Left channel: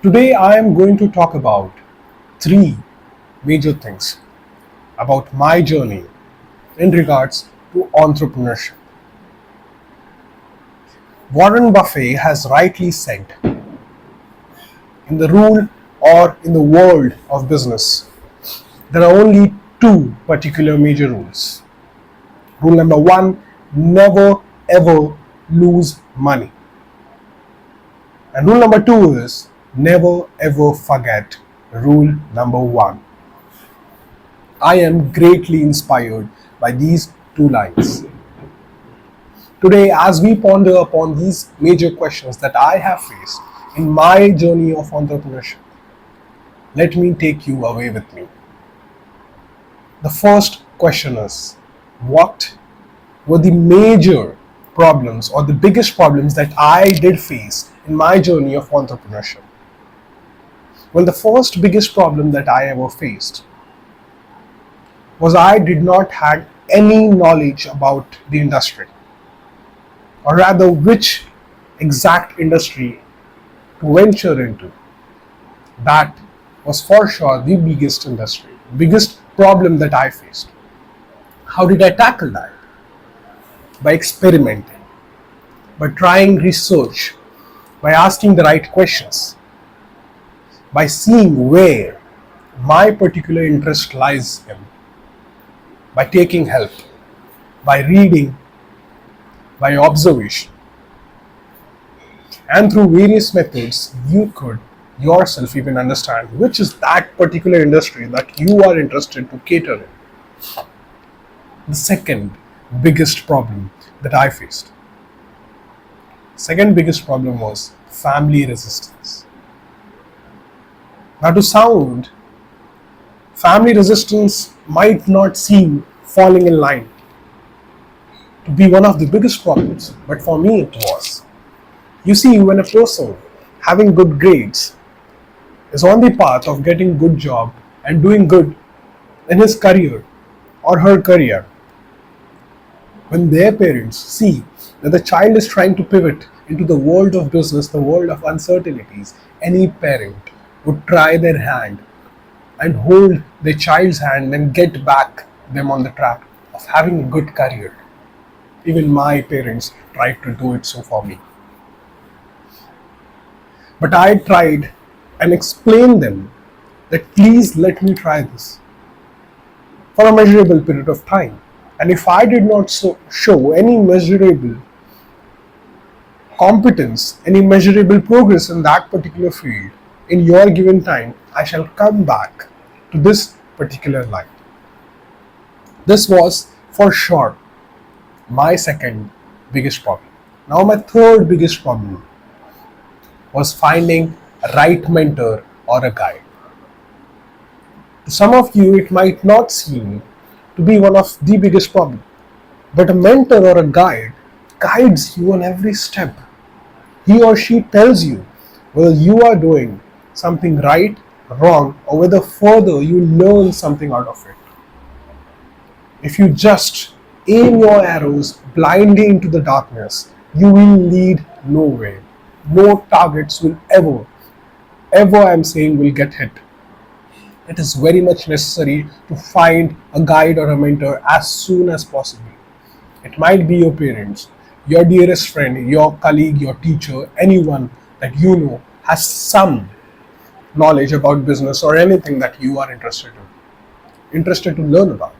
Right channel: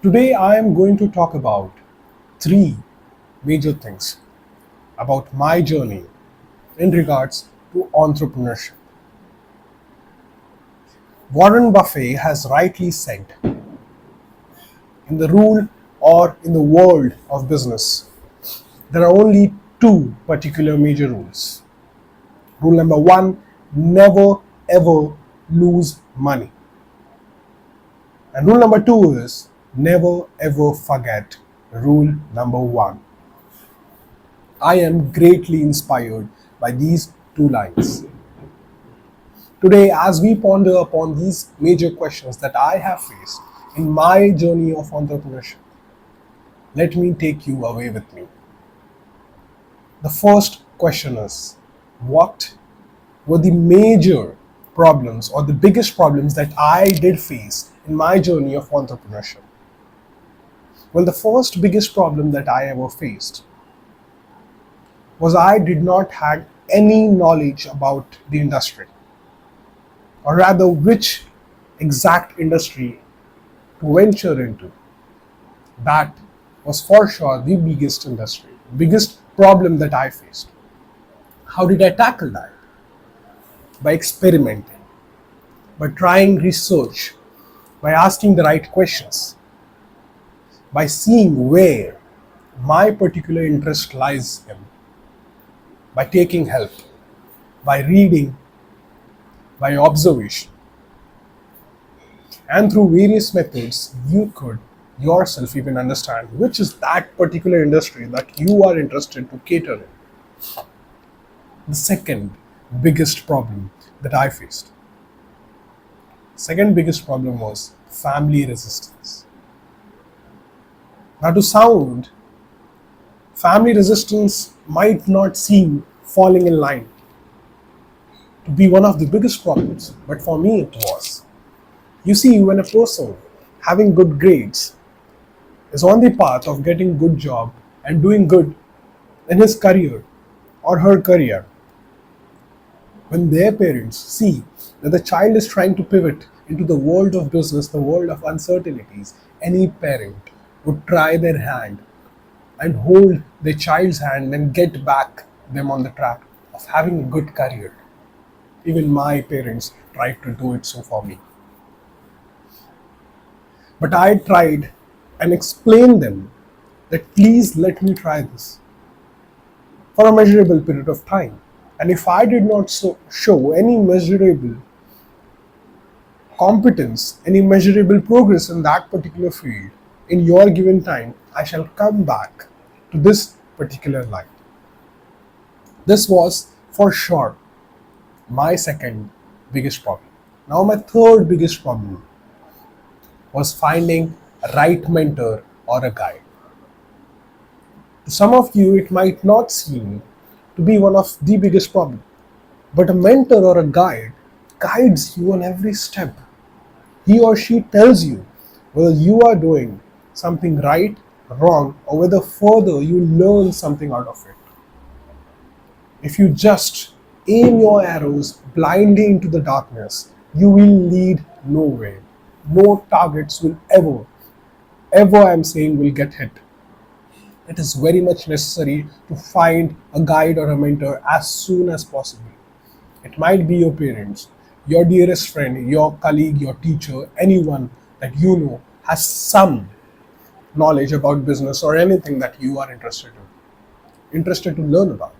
Today, I am going to talk about three major things about my journey in regards to entrepreneurship. Warren Buffett has rightly said, in the rule or in the world of business, there are only two particular major rules. Rule number one, never ever lose money. And rule number two is never ever forget rule number one. I am greatly inspired by these two lines. Today, as we ponder upon these major questions that I have faced in my journey of entrepreneurship, let me take you away with me. The first question is, what were the major problems or the biggest problems that I did face in my journey of entrepreneurship? Well, the first biggest problem that I ever faced was I did not have any knowledge about the industry, or rather which exact industry to venture into. That was for sure the biggest problem that I faced. How did I tackle that? By experimenting, by trying research, by asking the right questions, by seeing where my particular interest lies in, by taking help, by reading, by observation. And through various methods, you could yourself even understand which is that particular industry that you are interested to cater in. The second biggest problem that I faced. Second biggest problem was family resistance. Now, to sound, family resistance might not seem falling in line to be one of the biggest problems, but for me it was. You see, when a person having good grades is on the path of getting good job and doing good in his career or her career, when their parents see that the child is trying to pivot into the world of business, the world of uncertainties, any parent would try their hand and hold their child's hand and get back them on the track of having a good career. Even my parents tried to do it so for me. But I tried and explained them that please let me try this for a measurable period of time. And if I did not show any measurable competence, any measurable progress in that particular field in your given time, I shall come back to this particular line. This was for sure my second biggest problem. Now, my third biggest problem was finding a right mentor or a guide. To some of you, it might not seem to be one of the biggest problems, but a mentor or a guide guides you on every step. He or she tells you whether you are doing something right, wrong, or whether further you learn something out of it. If you just aim your arrows blindly into the darkness, you will lead nowhere. No targets will ever I'm saying will get hit. It is very much necessary to find a guide or a mentor as soon as possible. It might be your parents, your dearest friend, your colleague, your teacher, anyone that you know has some knowledge about business or anything that you are interested to learn about.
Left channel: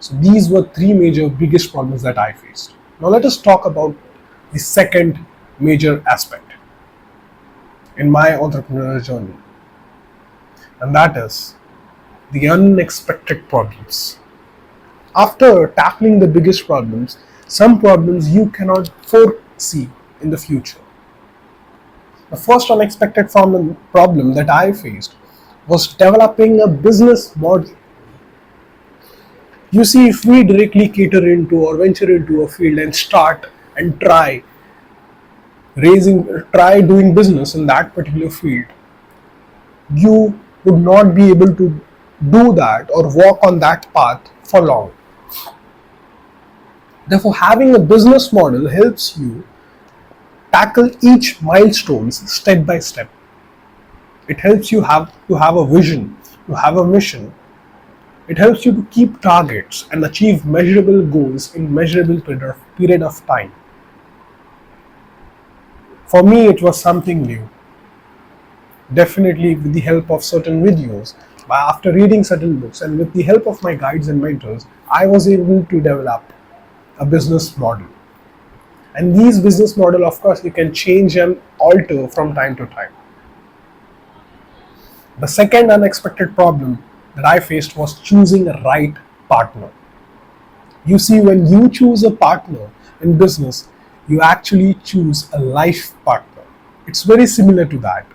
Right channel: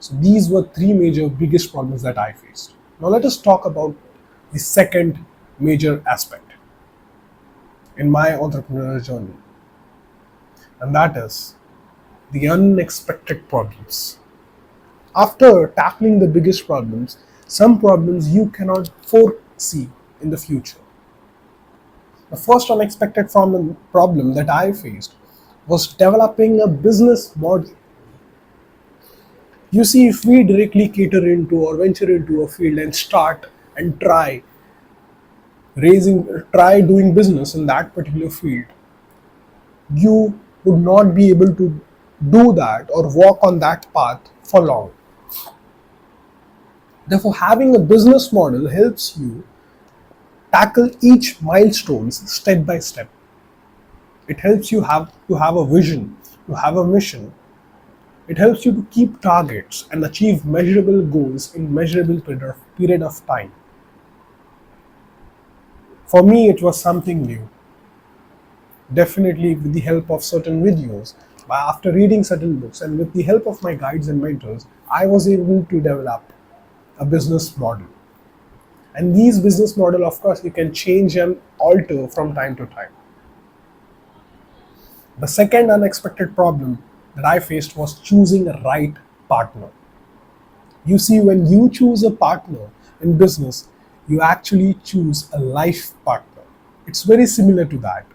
So these were three major biggest problems that I faced. Now let us talk about the second major aspect in my entrepreneurial journey, and that is the unexpected problems. After tackling the biggest problems, some problems you cannot foresee in the future. The first unexpected problem that I faced was developing a business model. You see, if we directly cater into or venture into a field and start and try doing business in that particular field, you would not be able to do that or walk on that path for long. Therefore, having a business model helps you tackle each milestones step by step. It helps you have a vision, to have a mission. It helps you to keep targets and achieve measurable goals in measurable period of time. For me, it was something new. Definitely with the help of certain videos, after reading certain books, and with the help of my guides and mentors, I was able to develop a business model. And these business model, of course, you can change and alter from time to time. The second unexpected problem that I faced was choosing a right partner. You see, when you choose a partner in business, you actually choose a life partner. It's very similar to that.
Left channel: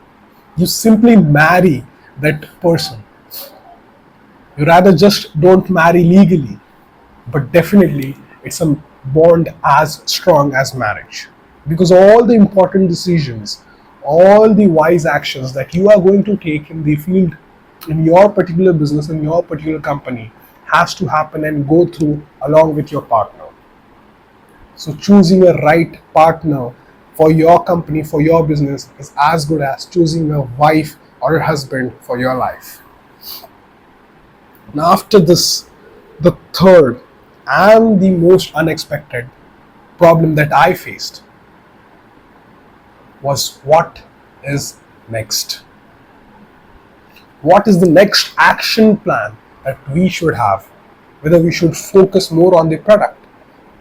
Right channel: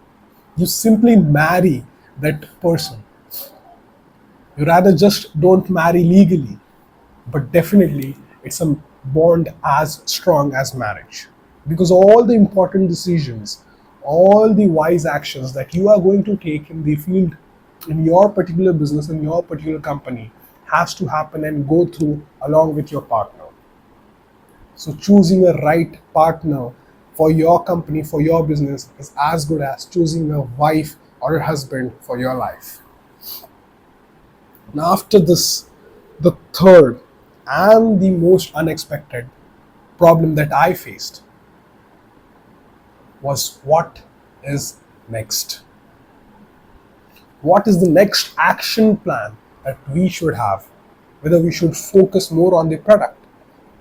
You simply marry that person. You rather just don't marry legally, but definitely it's a bond as strong as marriage. Because all the important decisions, all the wise actions that you are going to take in the field, in your particular business, in your particular company, has to happen and go through along with your partner. So choosing a right partner for your company, for your business, is as good as choosing a wife or a husband for your life. Now, after this, the third and the most unexpected problem that I faced was what is next? What is the next action plan that we should have? Whether we should focus more on the product,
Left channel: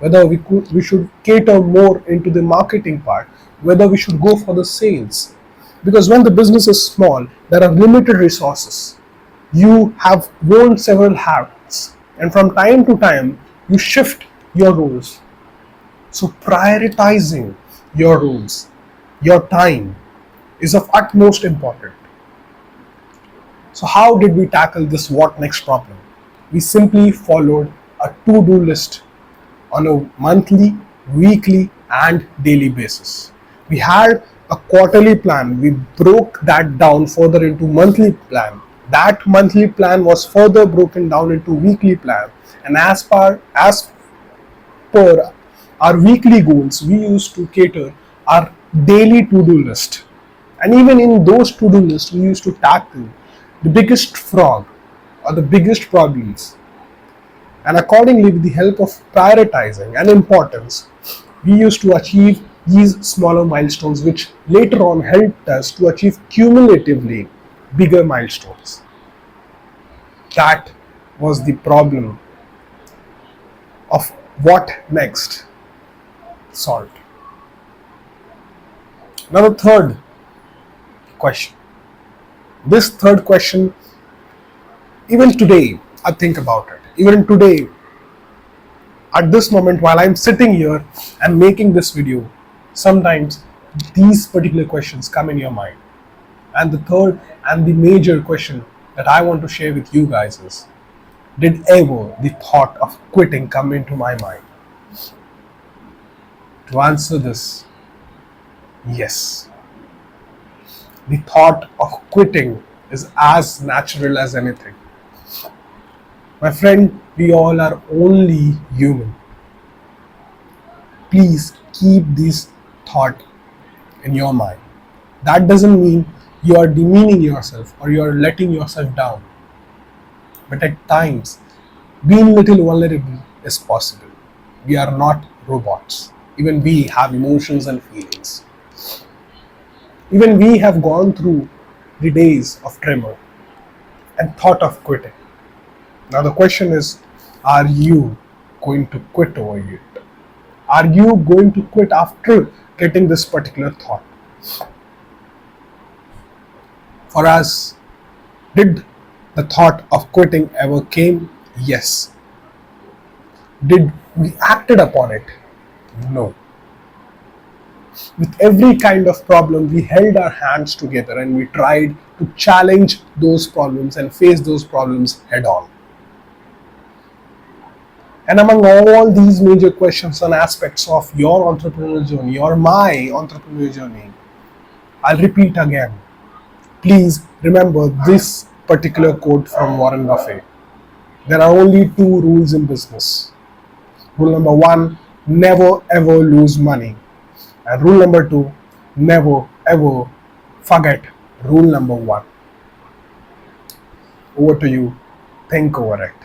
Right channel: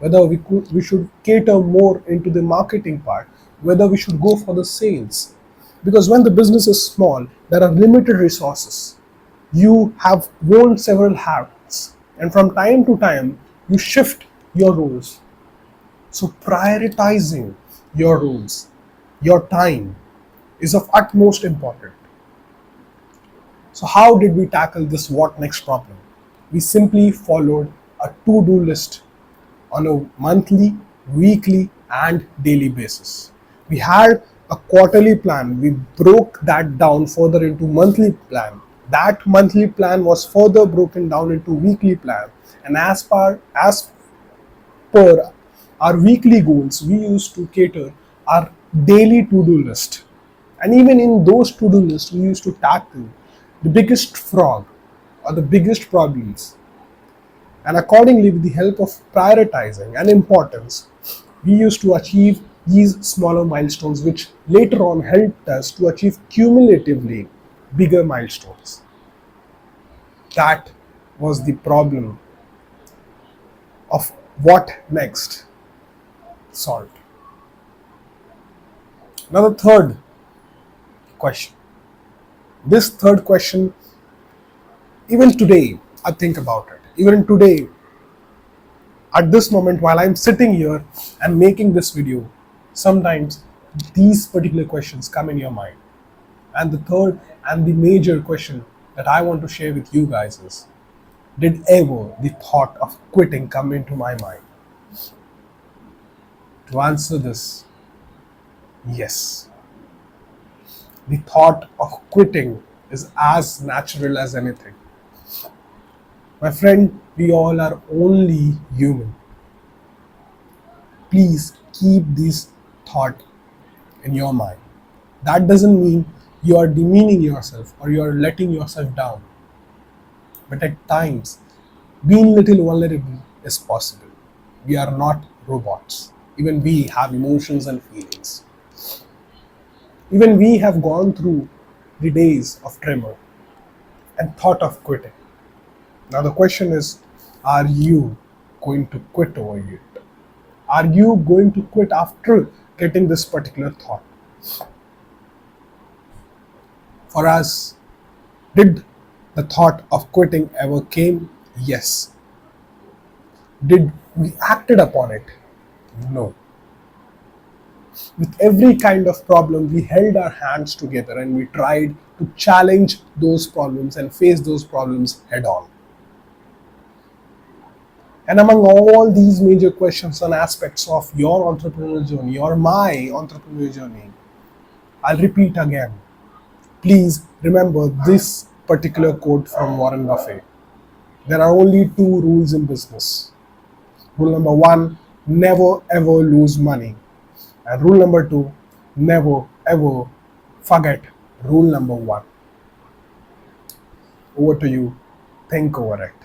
whether we should cater more into the marketing part, whether we should go for the sales. Because when the business is small, there are limited resources. You have worn several hats, and from time to time, you shift your roles. So prioritizing your roles, your time, is of utmost importance. So how did we tackle this what next problem? We simply followed a to-do list on a monthly, weekly, and daily basis. We had a quarterly plan. We broke that down further into monthly plan. That monthly plan was further broken down into weekly plan. And as per our weekly goals, we used to cater our daily to-do list. And even in those to-do lists, we used to tackle the biggest frog or the biggest problems. And accordingly, with the help of prioritizing and importance, we used to achieve these smaller milestones, which later on helped us to achieve cumulatively bigger milestones. That was the problem of what next solved. Now, the third question. This third question, even today, I think about it. Even today, at this moment, while I'm sitting here and making this video, sometimes these particular questions come in your mind. And the third and the major question that I want to share with you guys is, did ever the thought of quitting come into my mind? To answer this, yes. The thought of quitting is as natural as anything. My friend, we all are only human. Please keep this thought in your mind. That doesn't mean you are demeaning yourself or you are letting yourself down. But at times, being little vulnerable is possible. We are not robots. Even we have emotions and feelings. Even we have gone through the days of tremor and thought of quitting. Now the question is, are you going to quit over it? Are you going to quit after getting this particular thought? For us, did the thought of quitting ever came? Yes. Did we acted upon it? No. With every kind of problem, we held our hands together and we tried to challenge those problems and face those problems head on. And among all these major questions and aspects of your entrepreneurial journey or my entrepreneurial journey, I'll repeat again. Please remember this particular quote from Warren Buffett. There are only two rules in business. Rule number one, never ever lose money. And rule number two, never ever forget rule number one. Over to you. Think over it.